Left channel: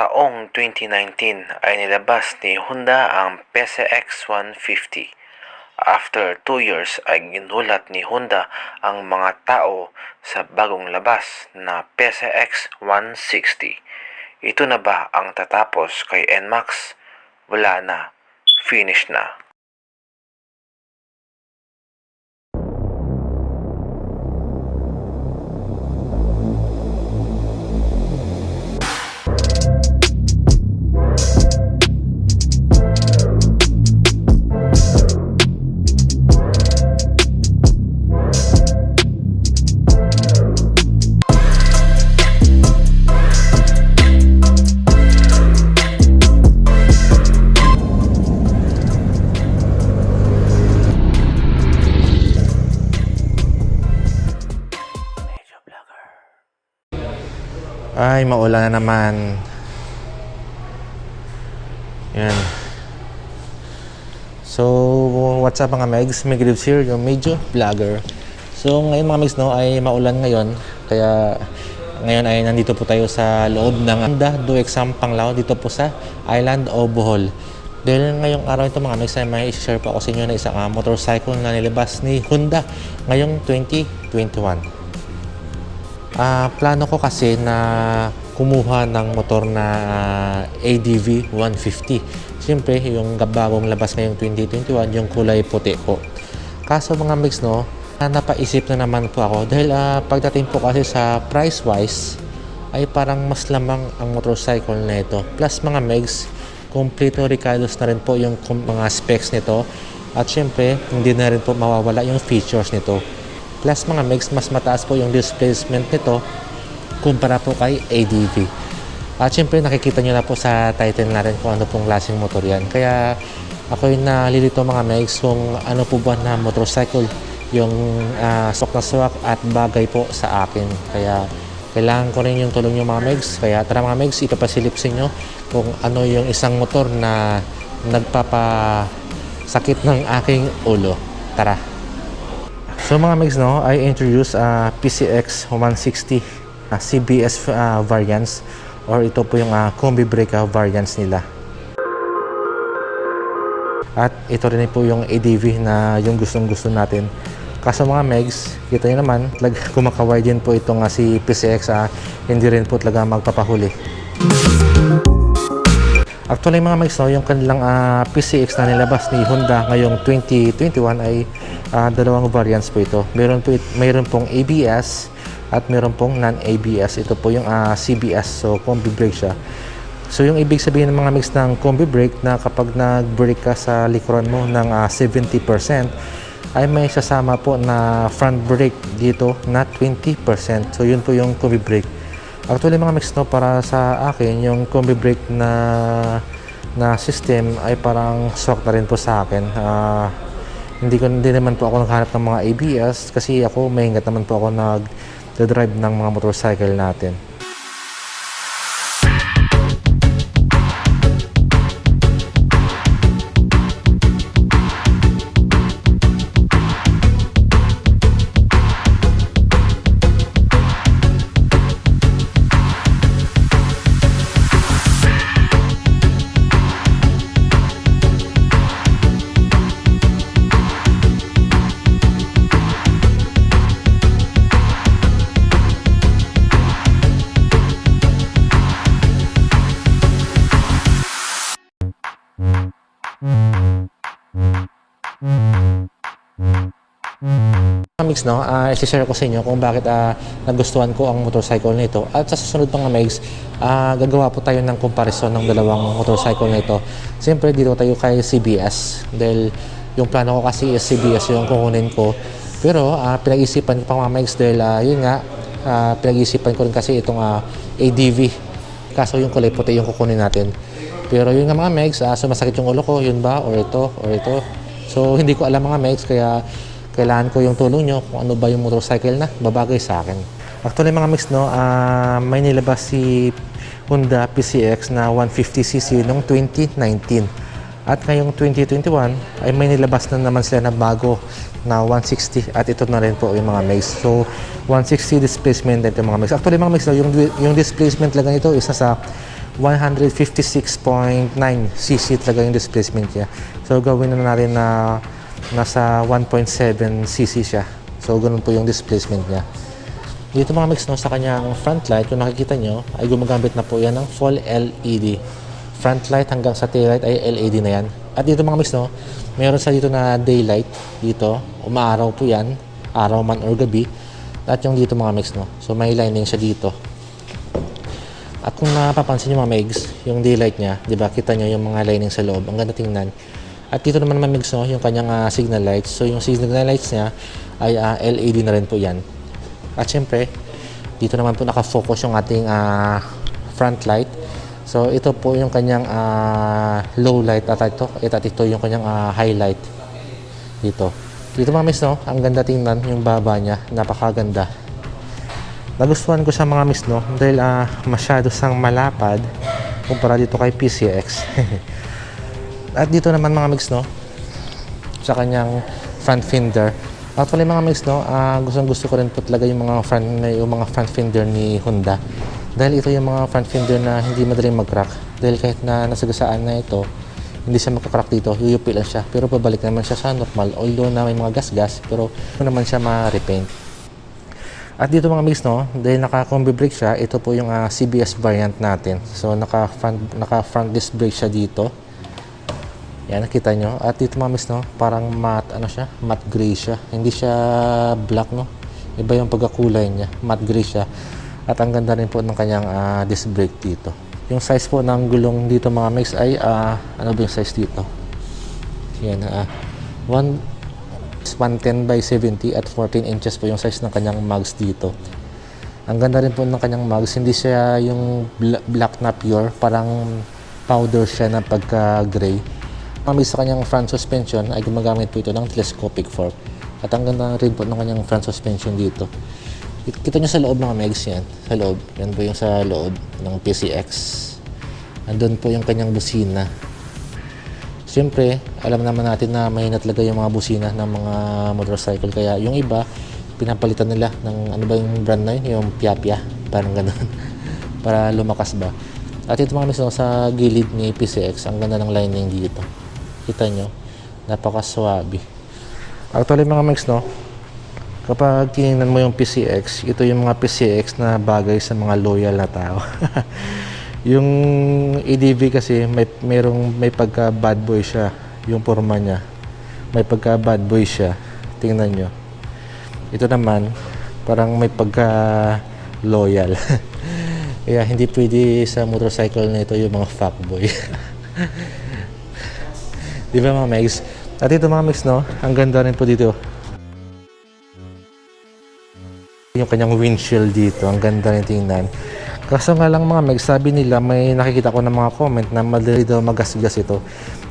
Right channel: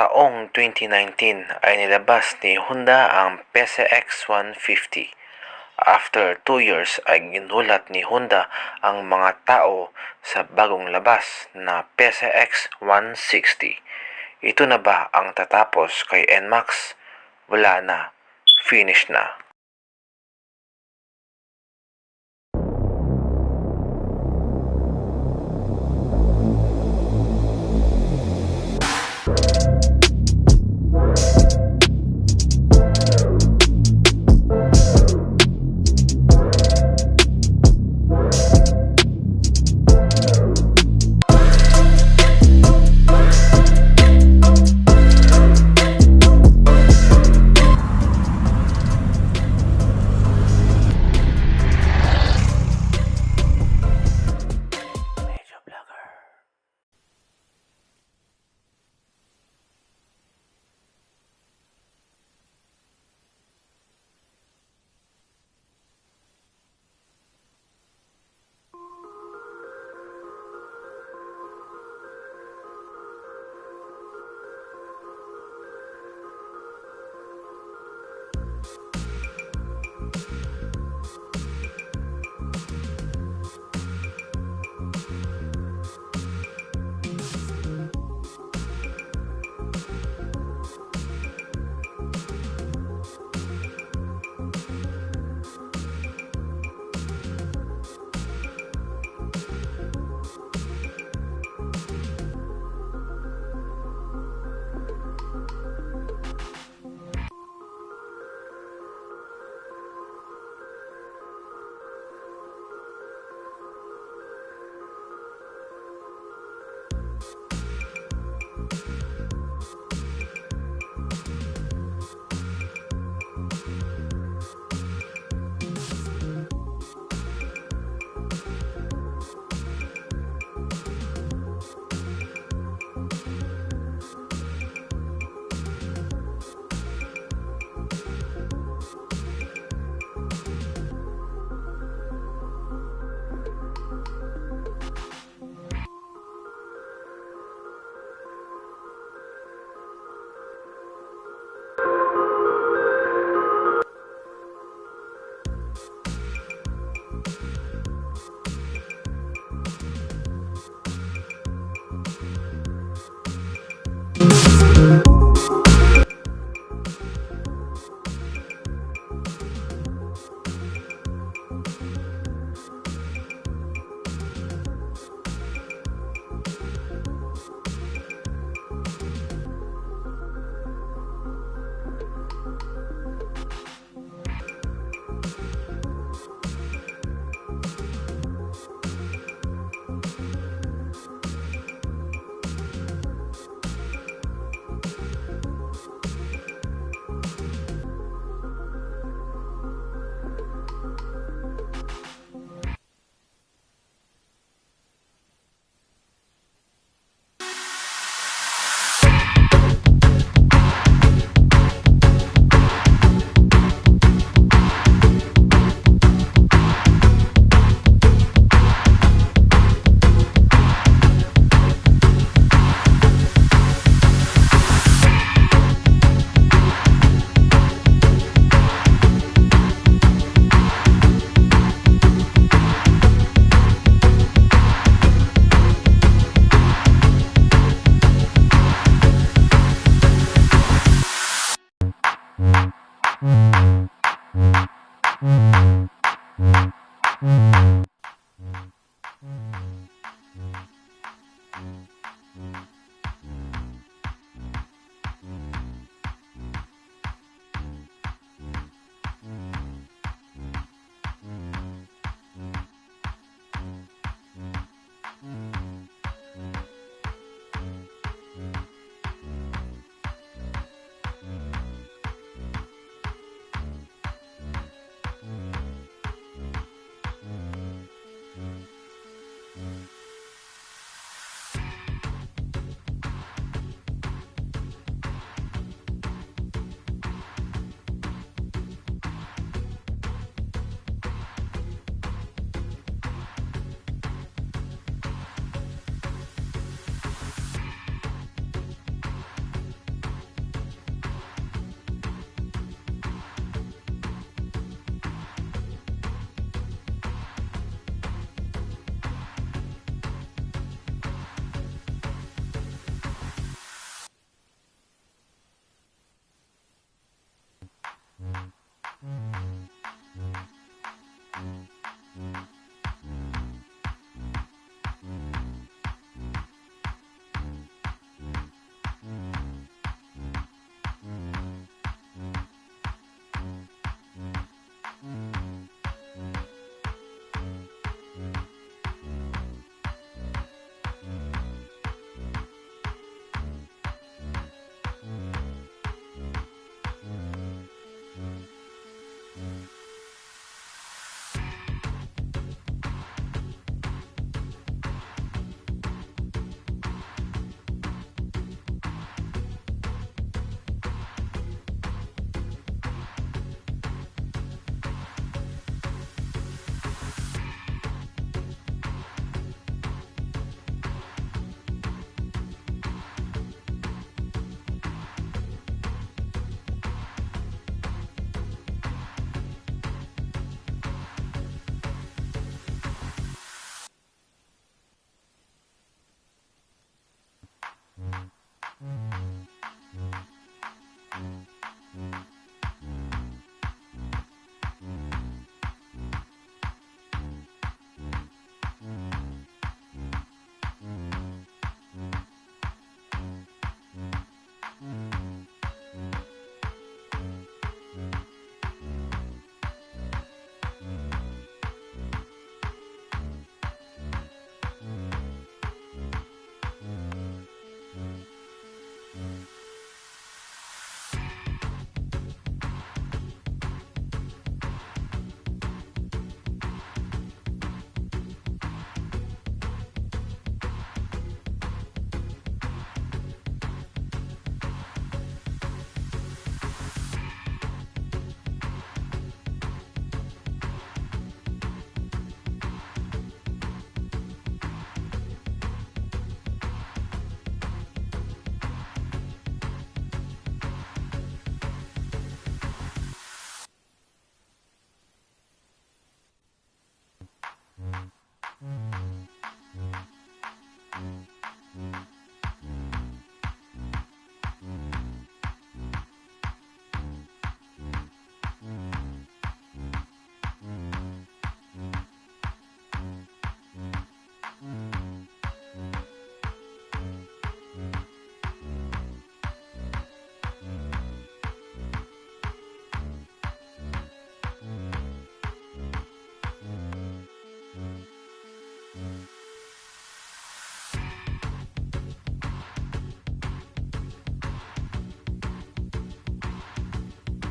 Taong 2019 ay nilabas ni Honda ang PCX 150. After 2 years ay ginulat ni Honda ang mga tao sa bagong labas na PCX 160. Ito na ba ang tatapos kay NMAX? Wala na. Finish na. Ay, maulan na naman. Yan. So, what's up mga megs? Meg Rivs here, yung medyo vlogger. So, ngayon mga megs, no, ay maulan ngayon. Kaya, ngayon ay nandito po tayo sa loob ng Honda Do Exam Panglao dito po sa Island o Bohol. Dahil ngayong araw ito mga megs ay may share po ako sa inyo na isang motorcycle na nilabas ni Honda ngayong 2021. Plano ko kasi na kumuha ng motor na ADV 150. Siyempre, yung bagong labas ngayong 2021, yung kulay puti po. Kaso mga mix, no, napaisip na naman po ako dahil pagdating po kasi sa price-wise, ay parang mas lamang ang motorcycle na ito. Plus mga megs, kompleto recados na rin po yung mga specs nito. At siyempre, hindi na rin po mawawala yung features nito. Plus mga megs, mas mataas po yung displacement nito kumpara po kay ADV. At syempre nakikita nyo na po sa title na rin kung ano pong klaseng motor yan. Kaya ako yung nalilito mga megs kung ano po ba na motorcycle yung swak na swak at bagay po sa akin. Kaya kailangan ko rin yung tulong nyo mga megs. Kaya tara mga megs, ipapasilip sa inyo kung ano yung isang motor na nagpapasakit ng aking ulo. Tara! So mga megs, no, I introduce PCX 160 CBS variants, or ito po yung combi brake variants nila. At ito rin po yung ADV na yung gustong-gusto natin. Kaso mga megs, kita nyo naman, kumakaway din po itong si PCX, hindi rin po talaga magpapahuli. Actually mga megs, no, yung kanilang PCX na nilabas ni Honda ngayong 2021 ay dalawang variants po ito. Mayroon pong ABS at mayroon pong non-ABS. Ito po yung CBS, so combi brake siya. So yung ibig sabihin ng mga megs ng combi brake na kapag nag-brake ka sa likuran mo ng 70% ay may sasama po na front brake dito na 20%. So yun po yung combi brake. Actually mga megs, no, para sa akin yung combi brake na system ay parang swak na rin po sa akin. Hindi naman po ako naghanap ng mga ABS kasi ako may hingat naman po ako nag-drive ng mga motorcycle natin. Mix, no, i-share ko sa inyo kung bakit nagustuhan ko ang motorcycle nito. At sa susunod mga megs, gagawa po tayo ng comparison ng dalawang motorcycle nito. Siyempre dito tayo kay CBS dahil yung plano ko kasi is CBS yung kukunin ko. Pero pinag-isipan ko pa mga megs dahil yun nga, pinag-isipan ko rin kasi itong ADV. Kaso yung kulay puti yung kukunin natin. Pero yun nga mga megs, sumasakit yung ulo ko, yun ba? Or ito. So hindi ko alam mga megs, kaya kailangan ko yung tulong nyo kung ano ba yung motorcycle na babagay sa akin. Actually mga megs, no, may nilabas si Honda PCX na 150cc noong 2019. At ngayong 2021 ay may nilabas na naman sila na bago na 160 at ito na rin po yung mga megs. So 160 displacement din yung mga megs. Actually mga megs, no, yung displacement lang ito is nasa 156.9cc talaga yung displacement niya. So gawin na natin na nasa 1.7cc siya. So ganun po yung displacement niya. Dito mga mix, no, sa kanyang front light, kung nakikita nyo, ay gumagamit na po yan ng full LED. Front light hanggang sa tail light ay LED na yan. At dito mga mix, no, meron sa dito na daylight. Dito, umaaraw po yan, araw man or gabi. At yung dito mga mix, no, so may lining siya dito. At kung napapansin nyo mga megs, yung daylight niya, di ba, kita nyo yung mga lining sa loob, ang ganda tingnan. At dito naman mga megs, no, yung kanyang signal lights. So yung signal lights niya ay LED na rin po yan. At syempre, dito naman po nakafocus yung ating front light. So ito po yung kanyang low light at ito yung kanyang highlight dito. Dito mga miss, no, ang ganda tingnan yung baba niya, napakaganda. Nagustuhan ko siya mga miss, no, dahil masyado sang malapad kumpara dito kay PCX. At dito naman mga miss, no, sa kanyang front fender. Actually mga mix, no, gusto ko rin po talaga yung mga front fender ni Honda. Dahil ito yung mga front fender na hindi madaling mag-crack. Dahil kahit na nasagasaan na ito, hindi siya magka-crack dito, yuyupi lang siya. Pero pabalik naman siya sa normal. Although na may mga gas-gas, pero naman siya ma-repaint. At dito mga mix, no, dahil naka-combi brake siya, ito po yung CBS variant natin. So naka-front disc brake siya dito. Yan, nakita nyo. At dito mga miss, no, parang matte, matte gray siya. Hindi siya black, no. Iba yung pagkakulay niya. Matte gray siya. At ang ganda rin po ng kanyang disc brake dito. Yung size po ng gulong dito mga miss ay, ano ba yung size dito? Yan, 110 by 70 at 14 inches po yung size ng kanyang mags dito. Ang ganda rin po ng kanyang mags. Hindi siya yung black na pure. Parang powder siya na pagka-gray. Sa kanyang front suspension ay gumagamit po ito ng telescopic fork. At ang ganda rin po ng kanyang front suspension dito. Kita nyo sa loob mga megs yan. Sa loob. Yan po yung sa loob ng PCX. Andun po yung kanyang busina. Siyempre, alam naman natin na mahina talaga yung mga busina ng mga motorcycle. Kaya yung iba, pinapalitan nila ng ano ba yung brand na yun? Yung Pia-Pia. Parang gano'n. Para lumakas ba. At ito mga miso, sa gilid ni PCX, ang ganda ng lining dito. Kita nyo, napakaswabe. Actually mga mix, no, kapag tinignan mo yung PCX, ito yung mga PCX na bagay sa mga loyal na tao. Yung EDV kasi may pagka bad boy siya, yung forma niya. May pagka bad boy siya. Tingnan nyo. Ito naman, parang may pagka loyal. Kaya hindi pwede sa motorcycle na ito yung mga fuckboy. Di ba mga megs? At ito mga megs, no, ang ganda rin po dito. Yung kanyang windshield dito, ang ganda rin tingnan. Kaso nga lang mga megs, sabi nila, may nakikita ko ng mga comment na madali daw magasgas ito.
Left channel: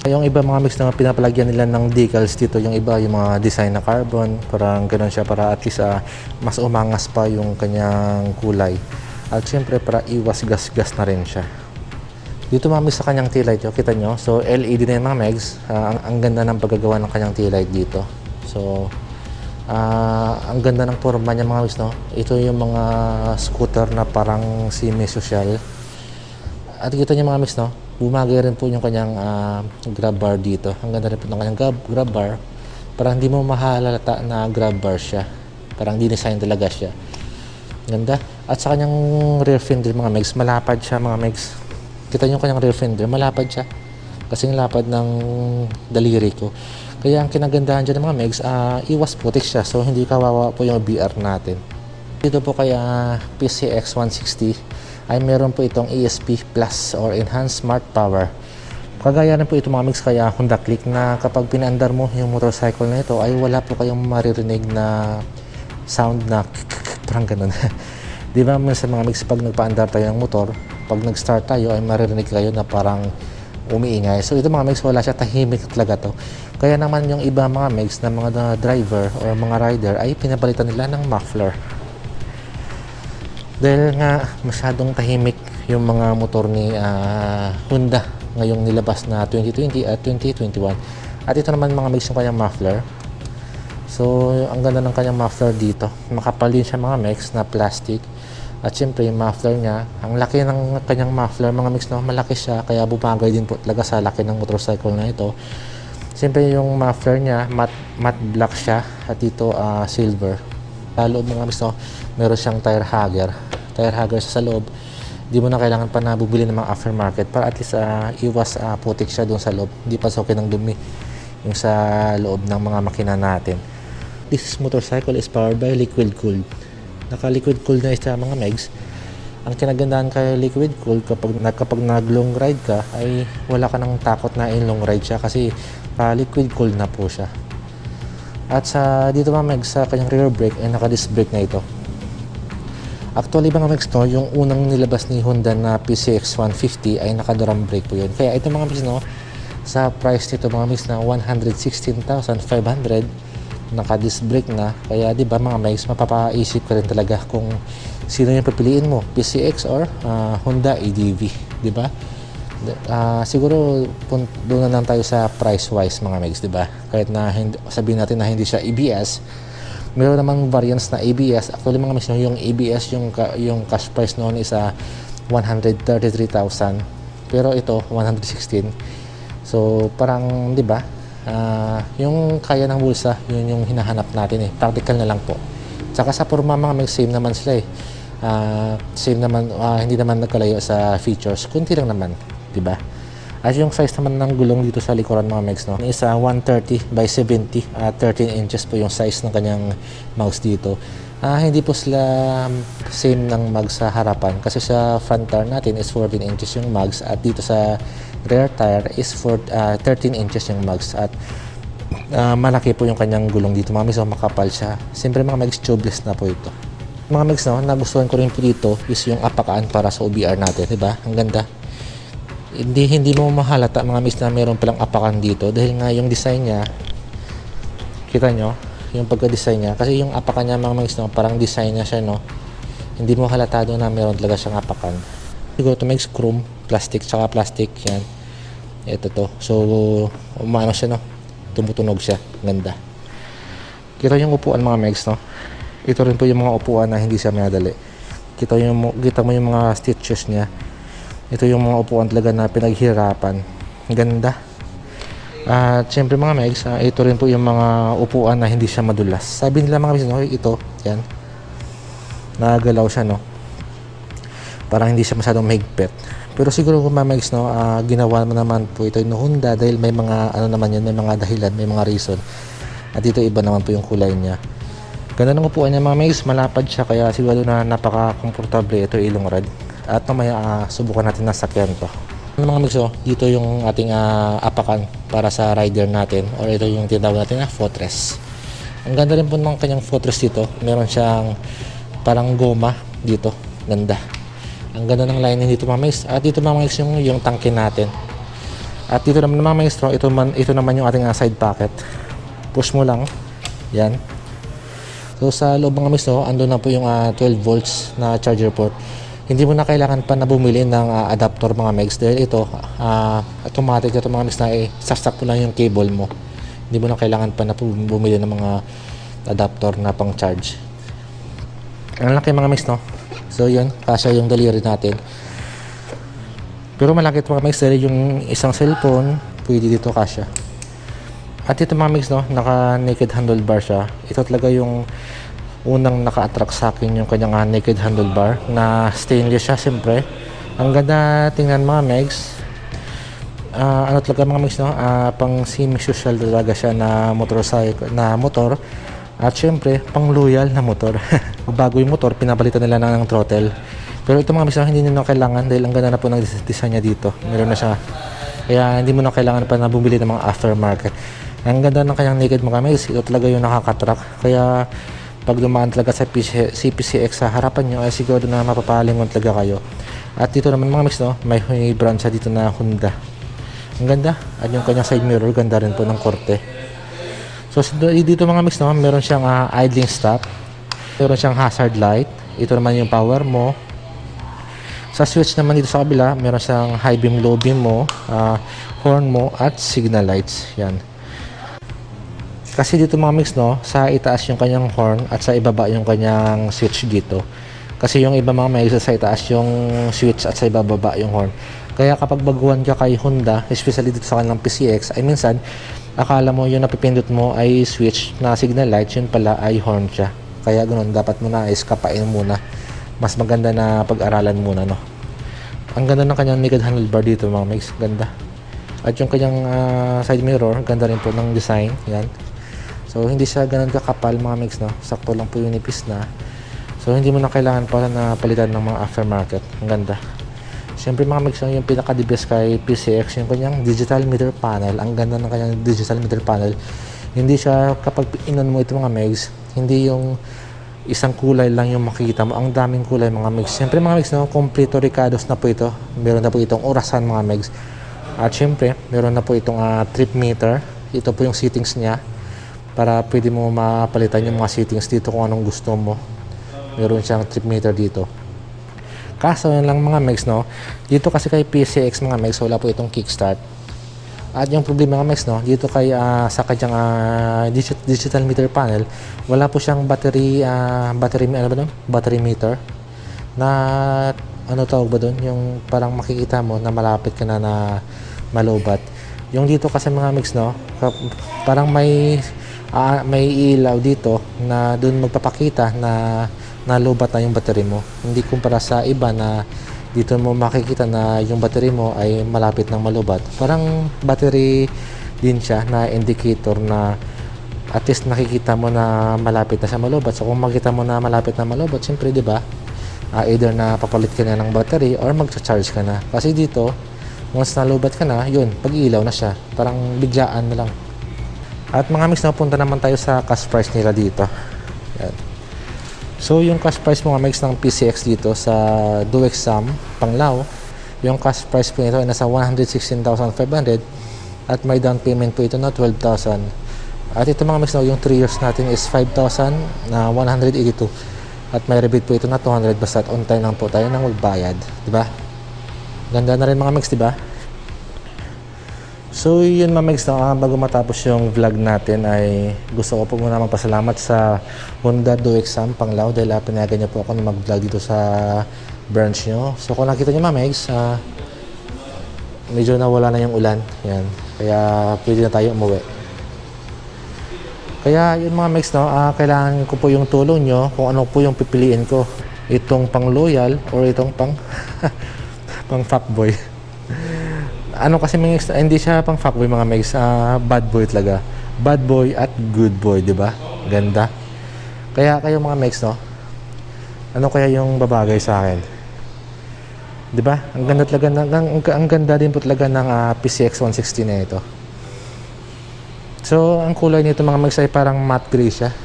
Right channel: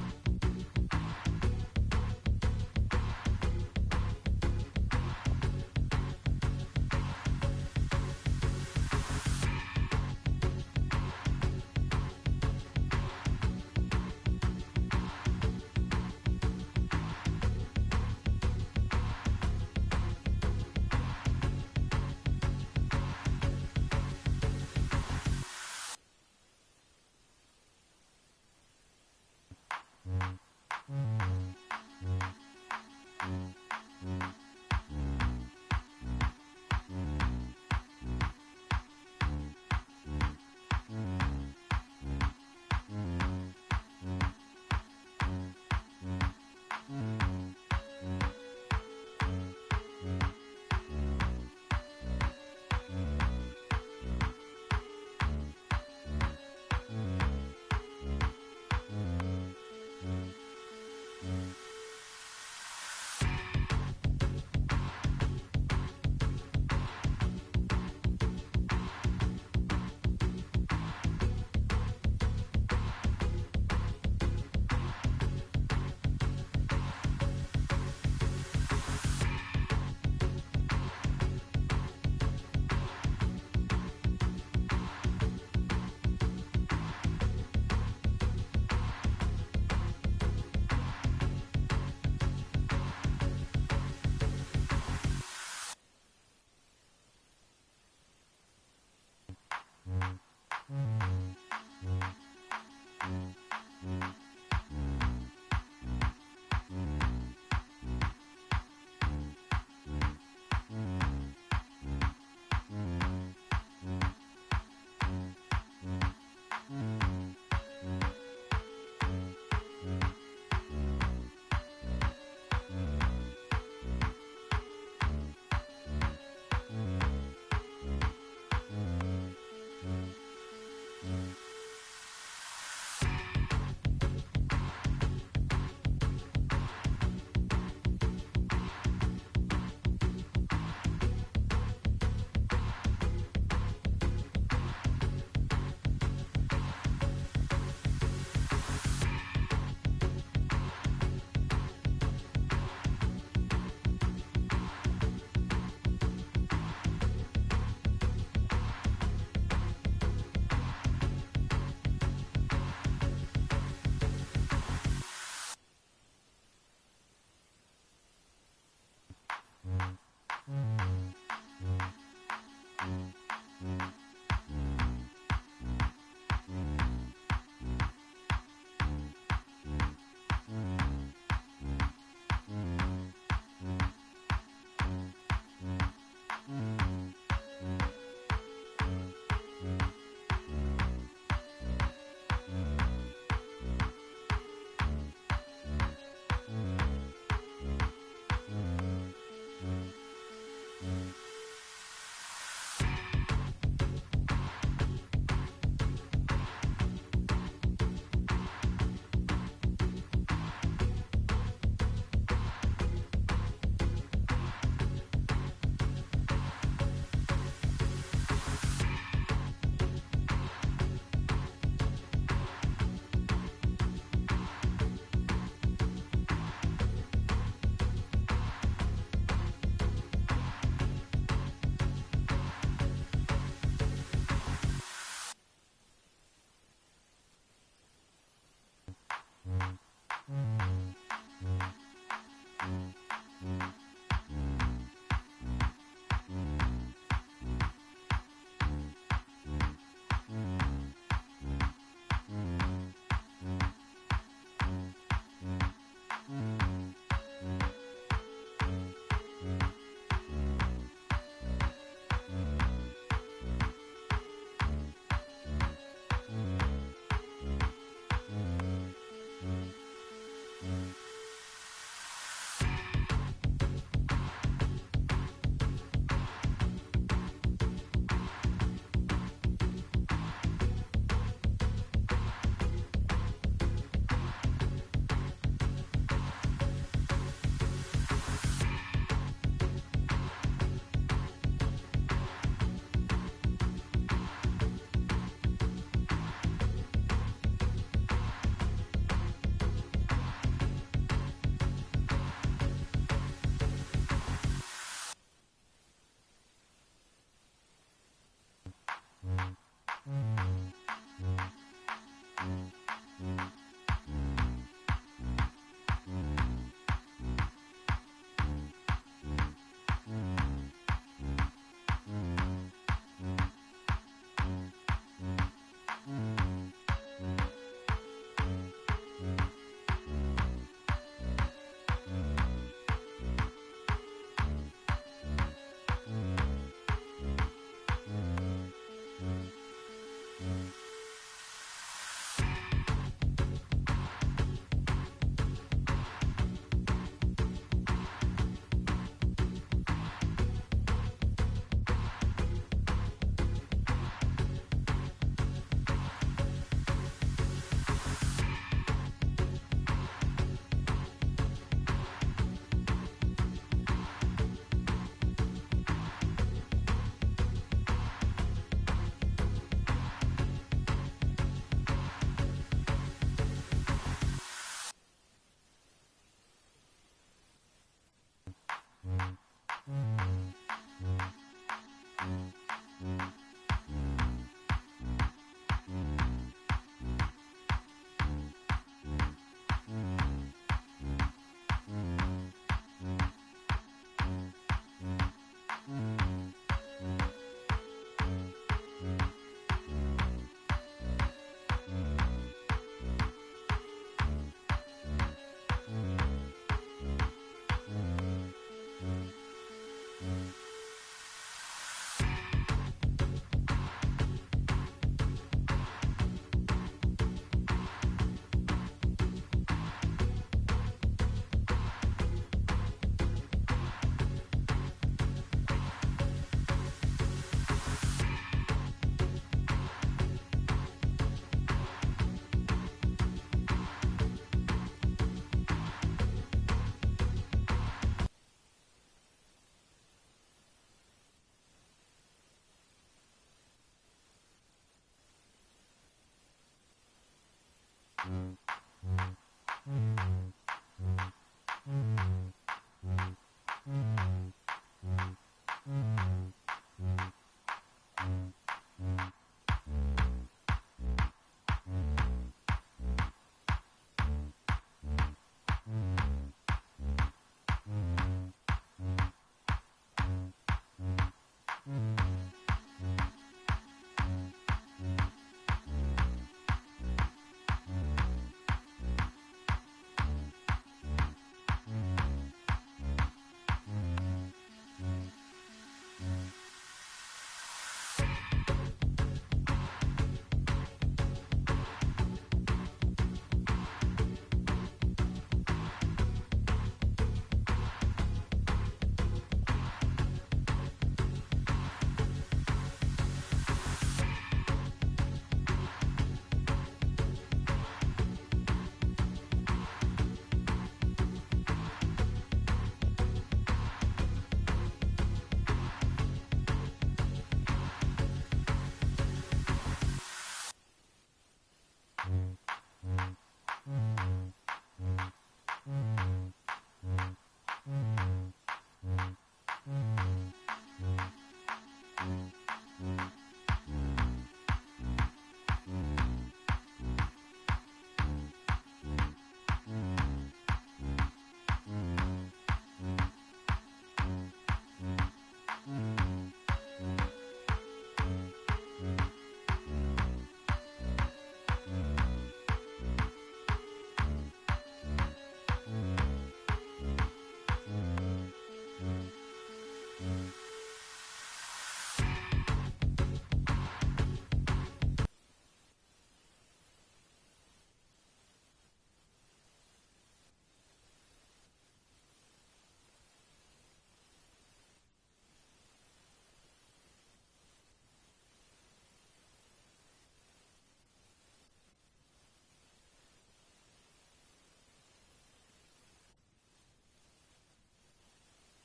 Yung iba mga megs na pinapalagyan nila ng decals dito, yung iba yung mga design na carbon, parang ganoon siya para at least mas umangas pa yung kanyang kulay. At syempre para iwas gas-gas na rin siya. Dito mami sa kanyang tail light, kita nyo. So LED na yung mga megs. Ang ganda ng paggagawa ng kanyang tail light dito. So ang ganda ng forma niya mga megs, no. Ito yung mga scooter na parang semi-social. At kita nyo mga megs, no, bumagay rin po yung kanyang grab bar dito. Ang ganda rin po ng kanyang grab bar. Parang hindi mo mahalata na grab bar siya. Parang dinesign talaga siya. Ganda. At sa kanyang rear fender mga megs, malapad siya mga megs. Kita nyo kanyang rear fender, malapad siya. Kasing lapad ng daliri ko. Kaya ang kinagandahan dyan ng mga megs, iwas putik siya. So hindi kawawa po yung BR natin. Dito po kaya PCX 160 ay meron po itong ESP Plus or Enhanced Smart Power. Kagaya rin po ito mga megs kaya Honda Click na kapag pinaandar mo yung motorcycle na ito ay wala po kayong maririnig na sound na parang ganun. Di ba sa mga mix, pag nagpaandar tayo ng motor, pag nag-start tayo ay maririnig kayo na parang umiingay. So ito mga mix, wala siya, tahimik talaga to. Kaya naman yung iba mga mix na mga driver or mga rider ay pinapalitan nila ng muffler. Dahil nga masyadong tahimik yung mga motor ni Honda ngayong nilabas na 2020 at 2021. At ito naman mga mix yung kanyang muffler. So, ang ganda ng kanyang muffler dito. Makapal din siya mga mex na plastic. At syempre yung muffler niya, ang laki ng kanyang muffler mga mix, no, malaki siya kaya bumagay din po talaga sa laki ng motorcycle na ito. Syempre yung muffler niya matte black siya at dito silver. Sa loob mga mix, no, meron siyang tire hugger sa loob. Di mo na kailangan pa na bubili ng mga aftermarket para at least iwas putik siya doon sa loob, hindi pasokin ng dumi yung sa loob ng mga makina natin. This motorcycle is powered by liquid cooled. Naka-liquid cooled na siya mga megs. Ang kinagandahan kay liquid cooled kapag nag-long ride ka ay wala ka nang takot na in long ride siya kasi liquid cooled na po siya. At sa dito mga megs, sa kanyang rear brake ay naka-disc brake na ito. Actually mga megs, no, yung unang nilabas ni Honda na PCX 150 ay naka-drum brake po yun. Kaya ito mga megs, no, sa price nito mga megs na 116,500 naka-disc brake na, kaya di ba mga megs, mapapaisip ka rin talaga kung sino yung pipiliin mo, PCX or Honda ADV, di ba? Siguro doon na lang tayo sa price wise mga megs, di ba? Kahit na sabihin natin na hindi siya ABS, meron namang variants na ABS. Actually mga megs, yung ABS, yung cash price noon is 133,000, pero ito 116. So parang di ba, yung kaya ng bulsa, yun yung hinahanap natin practical na lang po. Tsaka sa forma mga megs, same naman sila same naman, hindi naman nagkalayo sa features, kunti lang naman, di ba? At yung size naman ng gulong dito sa likuran mga megs, no, is 130 by 70, 13 inches po yung size ng kanyang mouse dito. Hindi po sila same ng mags sa harapan kasi sa front tire natin is 14 inches yung mags at dito sa rear tire is 13 inches yung mags at malaki po yung kanyang gulong dito mga megs, so makapal siya. Siyempre mga megs, tubeless na po ito. Mga megs, no, nagustuhan ko rin po dito is yung apakaan para sa OBR natin, di ba? Ang ganda. Hindi mo mahalata mga megs na meron palang apakan dito dahil nga yung design niya, kita nyo yung pagka-design niya, kasi yung apakan niya mga megs, no, parang design niya siya, no, hindi mo halata doon na meron talaga siyang apakan. Siguro ito may chrome, plastic, tsaka plastic yan. Ito to. So, umano siya, no? Tumutunog siya. Ganda. Kita yung upuan mga megs, no? Ito rin po yung mga upuan na hindi siya madali. Kita mo yung mga stitches niya. Ito yung mga upuan talaga na pinaghirapan. Ganda. At syempre mga megs, ito rin po yung mga upuan na hindi siya madulas. Sabi nila mga megs, no? Ito, yan. Nagalaw siya, no? Parang hindi siya masyadong mahigpit. Pero siguro kung mamags, no, ginawa mo naman po ito ng Honda dahil may mga naman yun, may mga dahilan, may mga reason. At dito iba naman po yung kulay niya. Ganda ng upuan niya mga mags, malapad siya kaya siguro na napaka-komportable ito ilong ride. At mamaya subukan natin na sakyan to. Mga mags, dito yung ating apakan para sa rider natin, or ito yung tinatawag natin na footrest. Ang ganda rin po ng kanyang footrest dito. Meron siyang parang goma dito. Ganda. Ang ganda ng lining dito mga mags. At dito mga mags yung tangke natin. At dito naman mga mags, ito naman yung ating side pocket. Push mo lang. Yan. So sa loob mga mags, andun na po yung 12 volts na charger port. Hindi mo na kailangan pa na bumili ng adapter mga mags dahil ito automatic ito mga mags na sastak mo lang yung cable mo. Hindi mo na kailangan pa na bumili ng mga adapter na pang charge. Ang laki mga mags, no? So yun, kasya yung daliri natin. Pero malaki ito mga mags dahil yung isang cellphone pwede dito kasya. At ito mga mags, no, naka naked handlebar siya. Ito talaga yung unang naka-attract sa akin, yung kanyang naked handlebar na stainless siya siyempre. Ang ganda tingnan mga mags. Ano talaga mga mags, no, pang semi-social talaga siya na motorcycle, na motor. At syempre, pang loyal na motor. Bago yung motor, pinapalitan nila ng throttle. Pero ito mga mags, hindi nyo na kailangan dahil ang ganda na po ng design niya dito. Meron na siya. Kaya hindi mo na kailangan pa na bumili ng mga aftermarket. Ang ganda ng kanyang naked mga mags. Ito talaga yung nakakatrack. Kaya pag dumaan talaga sa CPCX sa harapan nyo, ay siguro na mapapalingon talaga kayo. At dito naman mga mags, no, may brand siya dito na Honda. Ang ganda. At yung kanyang side mirror, ganda rin po ng korte. So dito mga mags, no, meron siyang idling stop. Meron siyang hazard light. Ito naman yung power mo. Sa switch naman dito sa kabila, meron siyang high beam, low beam mo, horn mo, at signal lights. Yan. Kasi dito mga mags, no, sa itaas yung kanyang horn at sa ibaba yung kanyang switch dito. Kasi yung iba mga may sa itaas yung switch at sa ibababa yung horn. Kaya kapag baguhan ka kay Honda, especially dito sa kanilang PCX, ay minsan akala mo yung napipindot mo ay switch na signal light, yun pala ay horn siya. Kaya ganoon, dapat mo na iskapain muna. Mas maganda na pag-aralan muna, no. Ang ganda ng kanyang naked handlebar dito mga mix, ganda. At yung kanyang side mirror, ganda rin po ng design, yan. So hindi siya ganun kakapal mga mix, no. Sakto lang po yung nipis na. So hindi mo na kailangan para na palitan ng mga aftermarket. Ang ganda. Siyempre mga mix, yung pinaka-the best kay PCX, yung kanyang digital meter panel. Ang ganda ng kanyang digital meter panel. Hindi siya, kapag inon mo ito mga mix, hindi yung isang kulay lang yung makikita mo. Ang daming kulay mga mix. Siyempre mga mix, no, kompleto Ricardos na po ito. Meron na po itong orasan mga mix. At siyempre, meron na po itong trip meter. Ito po yung settings niya. Para pwede mo mapalitan yung mga settings dito kung anong gusto mo. Meron siyang trip meter dito. Kaso yun lang mga mix, no. Dito kasi kay PCX mga mix, wala po itong kickstart. At yung problema mga mix, no, dito kay sa kanyang digital meter panel, wala po siyang battery ano ba doon? Battery meter na ano tawag ba doon? Yung parang makikita mo na malapit ka na malobat. Yung dito kasi mga mix, no, parang may ilaw dito na doon magpapakita na lobat na yung battery mo. Hindi kumpara sa iba na dito mo makikita na yung battery mo ay malapit ng malubat. Parang battery din siya na indicator na at least nakikita mo na malapit na siya malubat. So kung makita mo na malapit na malubat, siyempre di ba, either na papalit ka na ng battery or magcha-charge ka na. Kasi dito, once nalubat ka na, yun, pag-ilaw na siya. Parang biglaan na lang. At mga mix, napunta naman tayo sa cash price nila dito. Yan. So yung cash price mga mix ng PCX dito sa DuExam Panglao, yung cash price po nito ay nasa 116,500 at may down payment po ito na 12,000. At ito mga mix, yung 3 years natin is 5,182 at may rebate po ito na 200 basta on time lang po tayo nang magbayad, di ba? Ganda na rin mga mix, di ba? So yun mga mix, bago matapos yung vlog natin ay gusto ko po muna magpasalamat sa Honda DuExam Panglao dahil pinayagan niyo po ako na mag-vlog dito sa branch nyo. So kung nakita niyo mga mix, medyo nawala na yung ulan, yan. Kaya pwede na tayo umuwi. Kaya yun mga mix, kailangan ko po yung tulong nyo kung ano po yung pipiliin ko. Itong pang loyal or itong pang pang fuckboy. Ano kasi mga hindi siya pang fuckboy mga mix, bad boy talaga. Bad boy at good boy, di ba? Ganda. Kaya kayo mga mix, no? Ano kaya yung babagay sa akin? Di ba? Ang ganda talaga ang ganda din po talaga ng PCX 160 na ito. So, ang kulay nito mga mix ay parang matte gray siya.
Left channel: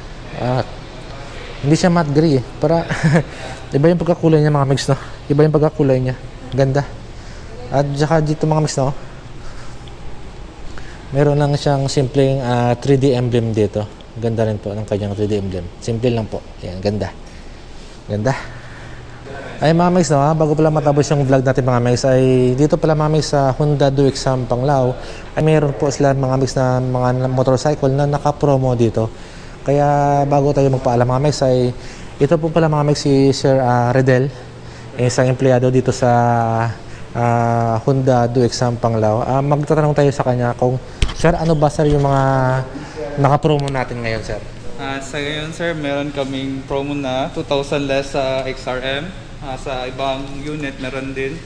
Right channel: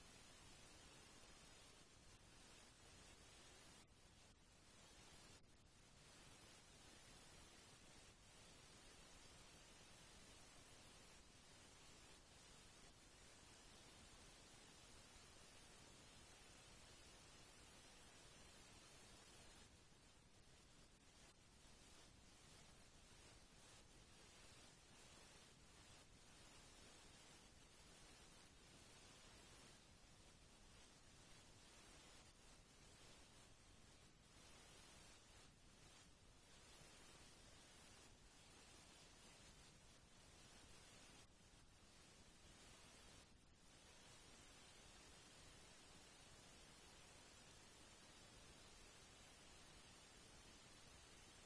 Hindi siya matte gray eh. Para iba yung pagkakulay niya mga mix, no? Iba yung pagkakulay niya. Ganda. At saka dito mga mix, no, meron lang siyang simpleng 3D emblem dito. Ganda rin po ng kanyang 3D emblem. Simple lang po. Ayan, ganda. Ganda. Ay mga mix, no, bago pala matapos yung vlog natin mga mix, ay dito pala mga mix sa Honda DuExam Panglao ay meron po sila mga mix na mga motorcycle na naka-promo dito. Kaya bago tayo magpaalam mga mix ay ito po pala mga mix si Sir Redel, isang empleyado dito sa Honda DuExam Panglao. Magtatanong tayo sa kanya kung, sir, ano ba sir yung mga naka-promo natin ngayon, sir? Sa ngayon, sir, meron kaming promo na 2,000 less sa XRM. Sa ibang unit, meron din.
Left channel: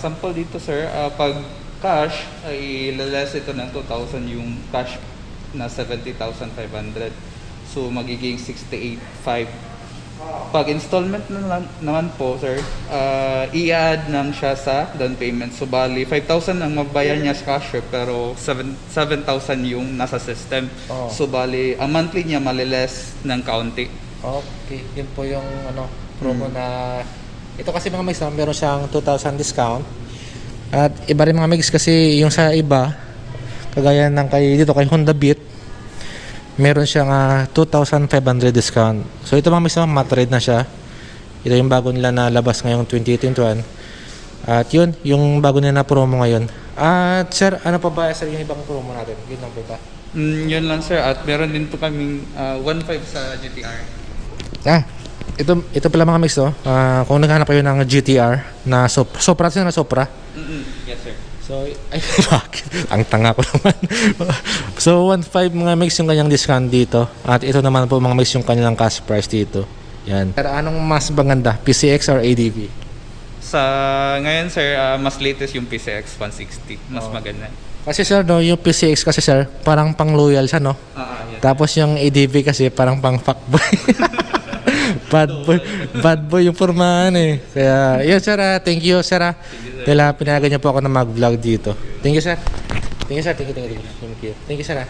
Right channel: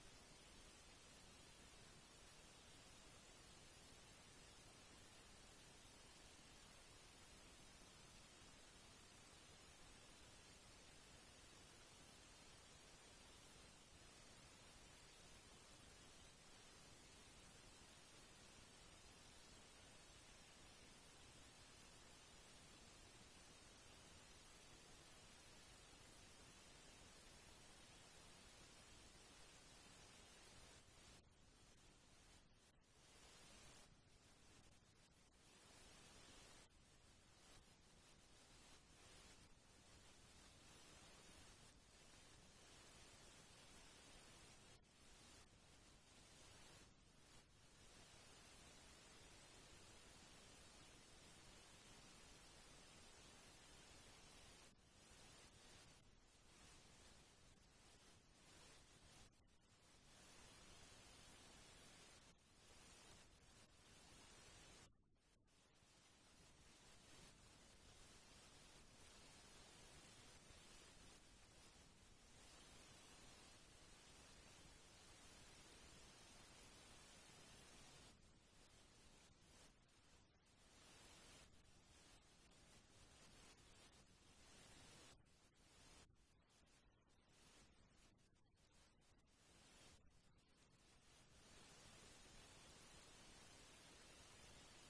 Sample dito, sir, pag cash, ay less ito ng 2,000 yung cash na 70,500. So, magiging 68,500. Pag installment naman po, sir, i-add lang siya sa down payment. So, bali, 5,000 ang mabayar niya sa cash, pero 7,000 yung nasa system. Oh. So, bali, ang monthly niya maliles ng kaunti. Okay, yun po yung promo na ito kasi mga mix, meron siyang 2,000 discount. At iba rin mga mix kasi yung sa iba, kagaya ng dito kay Honda Beat, meron siyang 2,500 discount. So ito mga mix, matte red na siya. Ito yung bago nila na labas ngayong 2021. At yun, yung bago nila na promo ngayon. At sir, ano pa ba sir yung ibang promo natin? Yun lang po ba? Yun lang, sir. At meron din po kaming 1.5 sa GTR. ito pala mga mix to. Kung naghanap kayo ng GTR na Supra na Supra. Yes, sir. So, ay, bakit? Ang tanga ko naman. So, 1.5 mga mix yung kanyang discount dito. At ito naman po mga mix yung kanilang cash price dito. Yan. Pero anong mas maganda? PCX or ADV? Sa ngayon, sir, mas latest yung PCX 160. Mas maganda. Kasi sir, no, yung PCX kasi sir, parang pang loyal siya, no? Yes. Tapos yung ADV kasi parang pang fuckboy. Bad boy yung formahan eh. Kaya, yun sir, thank you sir. Dahil pinayagan niyo po ako na mag-vlog dito. Thank you sir. Thank you sir. Thank you. Thank you sir.